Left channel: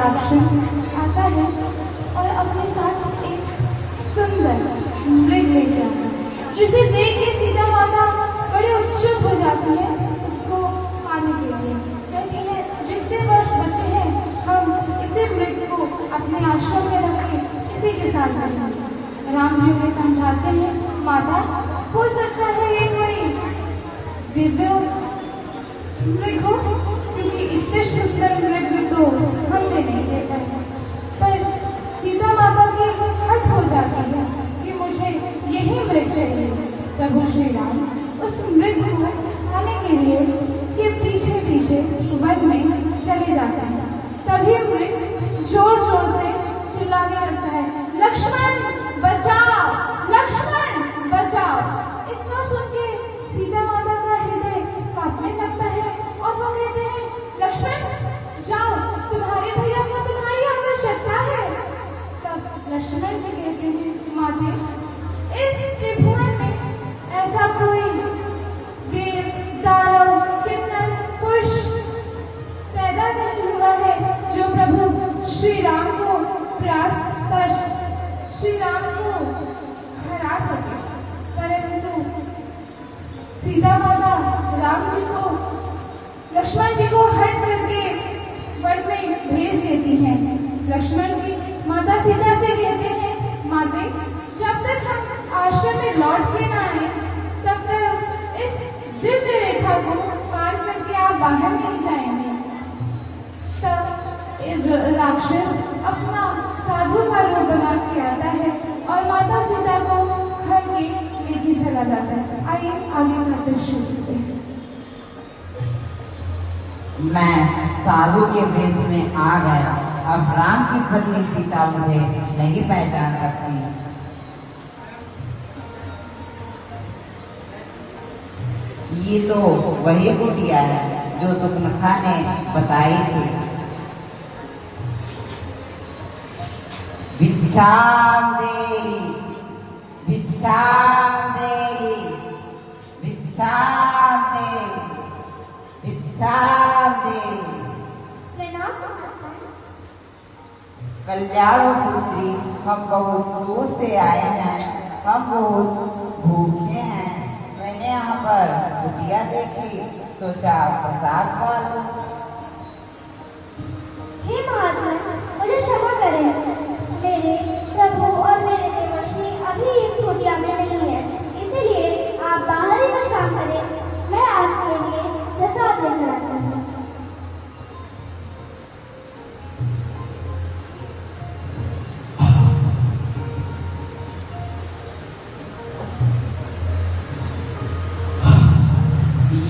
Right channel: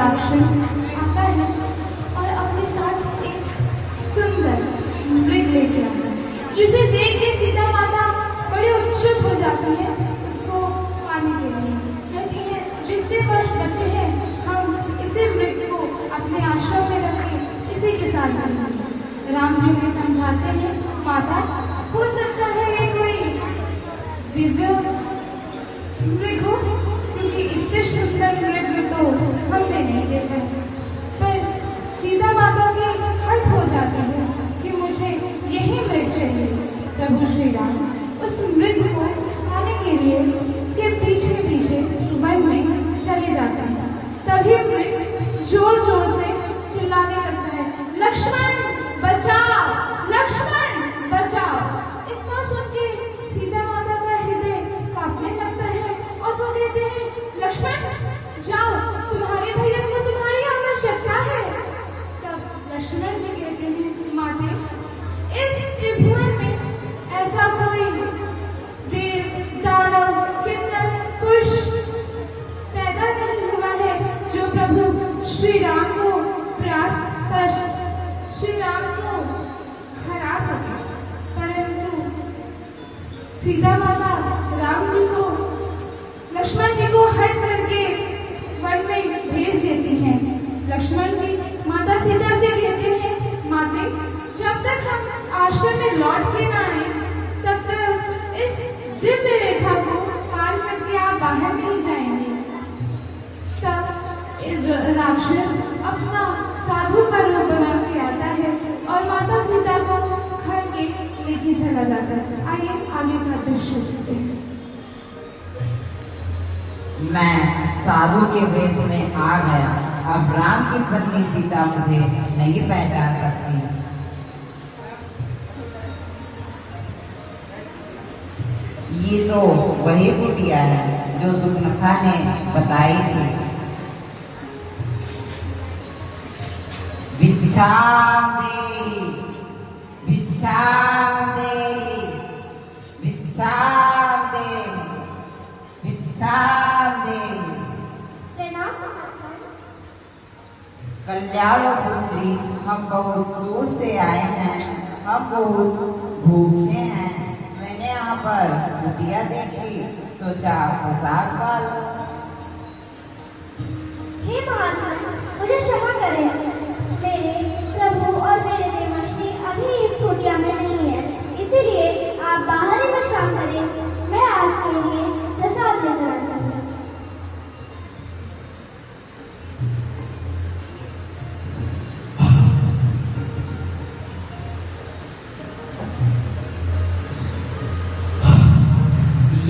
राक्षस आता है और अपने साथ एक सुंदर मृग लेके आता है, जिसे देख के सीता माता बड़ी उत्सुक हो जाती है उसको पाने के लिए। कहती है जितने वर्ष बचे हैं हम इसे मृग को अपने आश्रम में रख के इसी के साथ रहेंगे। राम जी ने समझाते हैं माता हो सकता है ये कोई दिव्य मृग हो, क्योंकि इतने सुंदर मृग तो हमने नहीं देखा। पर सीता माता की हट हो जाती है कि मुझे यही मृग चाहिए। प्रभु श्री राम उस मृग को खाने के लिए उसके पीछे पीछे वन में चले जाते हैं। तभी मृग जोर जोर से चिल्लाने लगता है, लक्ष्मण बचाओ, लक्ष्मण बचाओ। इतना सुन के सीता माता का हृदय कांपने लगता है और वो कहते हैं लक्ष्मण जाओ, तुम्हारे भैया को तुम्हारी आवश्यकता है। तब लक्ष्मण जी कहते हैं माते इस त्रिभुवन में ऐसा कोई देव दानव किन्नर कुश पैदा नहीं हुआ है जो प्रभु श्री राम को श्री राम को हरा सके। परंतु सीता माता राम जी को लक्ष्मण जी को हट करके वन में भेज देती हैं। लक्ष्मण जी माता सीता से कहते हैं माते जब तक हम आश्रम में लौट के ना आए तब तक इस दिव्य रेखा को पार करके आप बाहर नहीं जाएंगे। तब राक्षस अपना साधु का रूप बना के आता है और माता सीता को घर के लेके चला जाता है। आइए आगे का दृश्य देखते हैं। मैं साधु के वेश में आ गया। अब राम की पत्नी सीता मुझे नहीं पहचान सकती। ये तो वही कुटिया है जो सुकनखा ने बताई थी। भिक्षाम देहि, भिक्षाम देहि, भिक्षाम देहि, भिक्षाम देहि। कल्याण पुत्री हम बहुत दूर से आए हैं, हम बहुत भूखे हैं। मैंने यहाँ पर कुटिया देखी, सोचा प्रसाद पा लूं। हे महात्मा मुझे क्षमा करें, मेरे प्रभु और मेरे देवर्षि अभी इस कुटिया में नहीं है, इसीलिए आप बाहर ही विश्राम करें। मैं आपके लिए प्रसाद लेकर आता हूँ।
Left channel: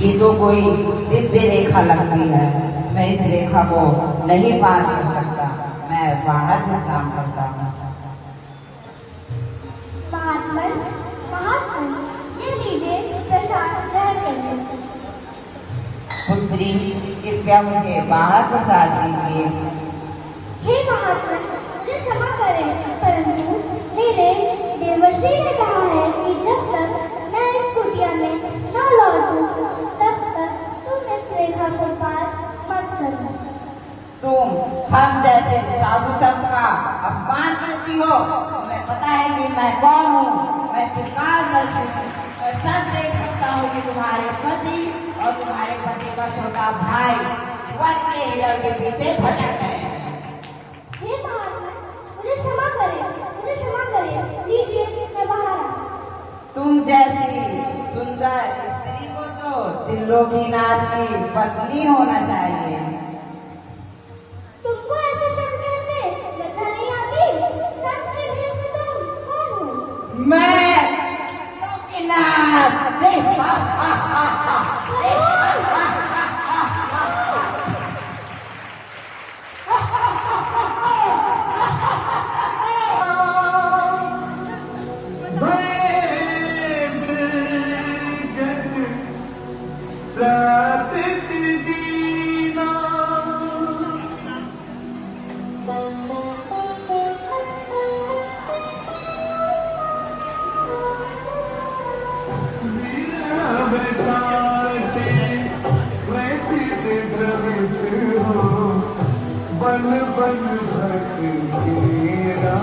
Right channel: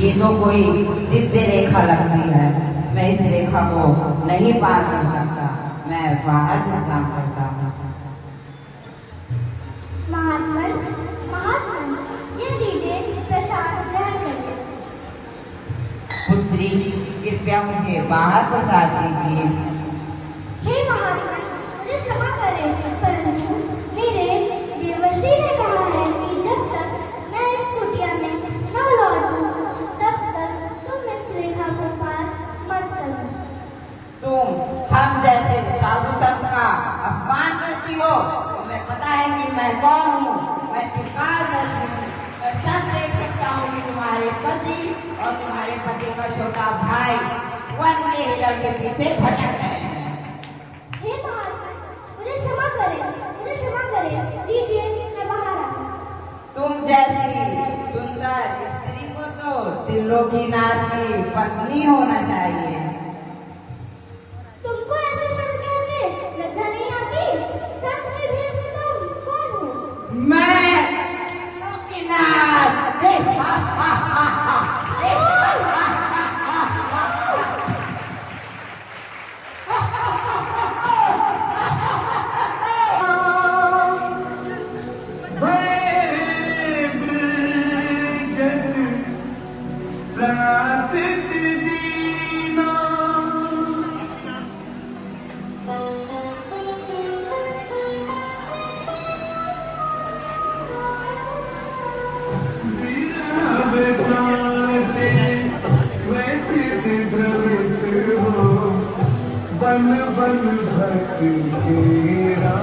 ये तो कोई दिव्य रेखा लगती है। मैं इस रेखा को नहीं पार कर सकता। मैं बाहर विश्राम करता हूँ। महात्मन महात्मन ये लीजिए प्रसाद ग्रहण करिए। पुत्री कृपया मुझे बाहर प्रसाद दीजिए। हे महात्मन मुझे क्षमा करें, परंतु मेरे देवर्षि ने कहा है कि जब तक मैं इस कुटिया में न लौटूं तब तक तुम इस रेखा को पार मत करना। तुम हम जैसे साधु संत का अपमान करती हो। तुम्हें पता है कि मैं कौन हूँ। मैं त्रिकालदर्शी हूँ। मैं सब देख सकता हूँ कि तुम्हारे पति और तुम्हारे पति का छोटा भाई वन के हिरण के पीछे भटक गए। हे महात्मन मुझे क्षमा करें, मुझे क्षमा करें। लीजिए मैं बाहर आता हूं। तुम जैसी सुंदर स्त्री को तो त्रिलोकीनाथ की पत्नी होना चाहिए। तुमको ऐसा शब्द कहते लज्जा नहीं आती? सत्य भी तुम कौन हो? मैं त्रिलोकीनाथ। प्राप्त दीना बन बन भटकेगा,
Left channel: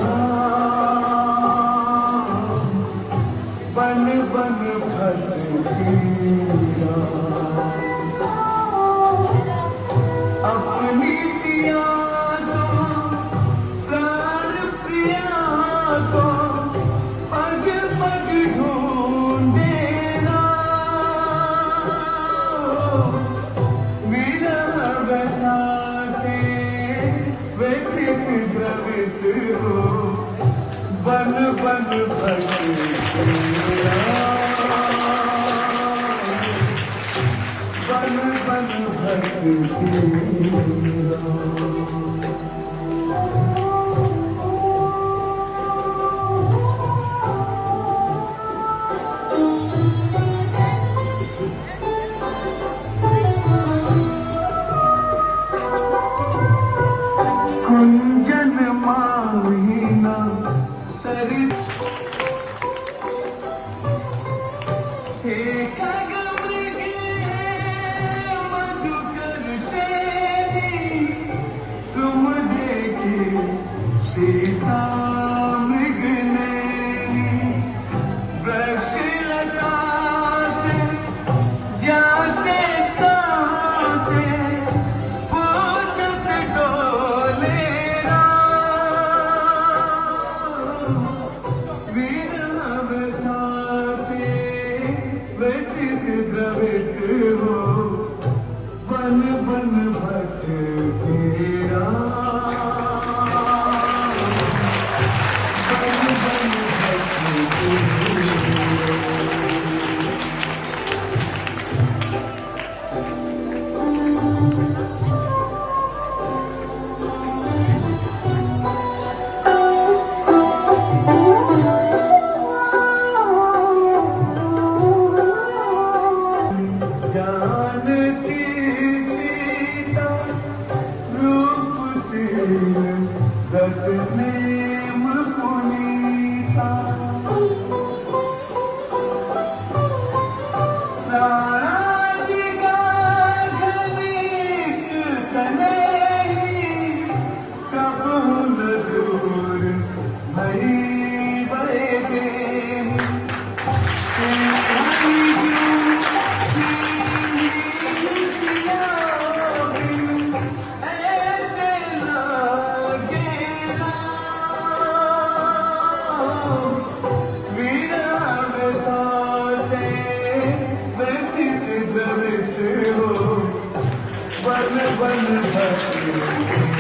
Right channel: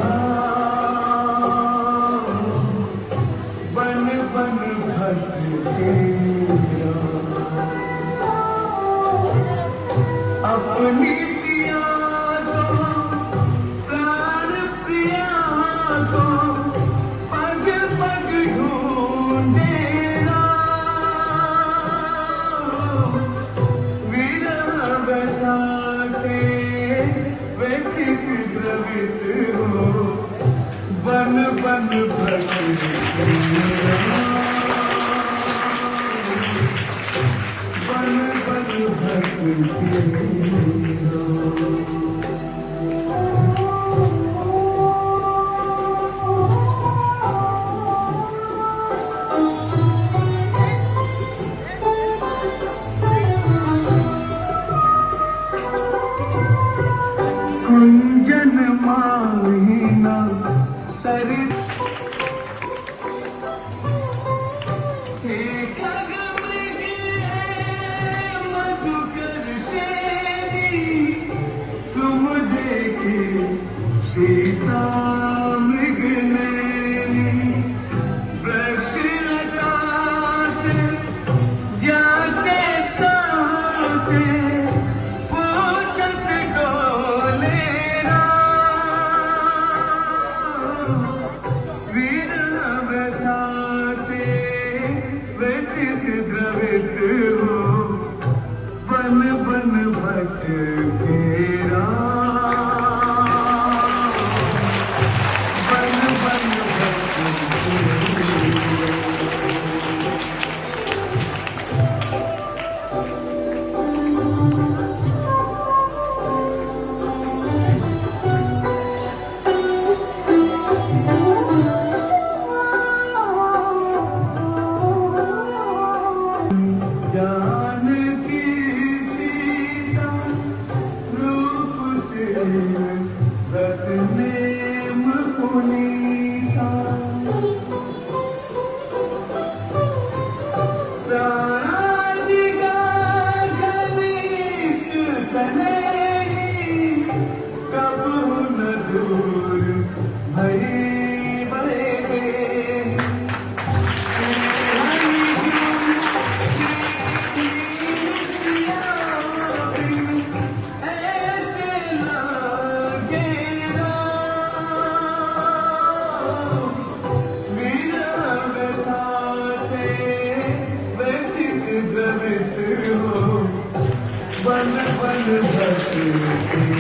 बन बन भटकेगा, अपनी पिया को प्राण प्रिया को पग पग ढूंढेगा, विरह व्यथा से व्यथित द्रवित हो, बन बन भटकेगा, बन बन भटकेगा। कुंजन माहिना सरित एक मधुकर शेरी, तुम देखे सीता मृगनयनी, वृक्षलता से जाते चारों से पूछत डोलेरा, विरह व्यथा से व्यथित द्रवित हो, बन बन भटकेगा, बन बन जानकी सीता रूप से रत में मुकुनीता, राधिका घनिष्ठ सहेली, कबहू न दूर मरी बड़े प्रेमी, बन बन भटकेगा।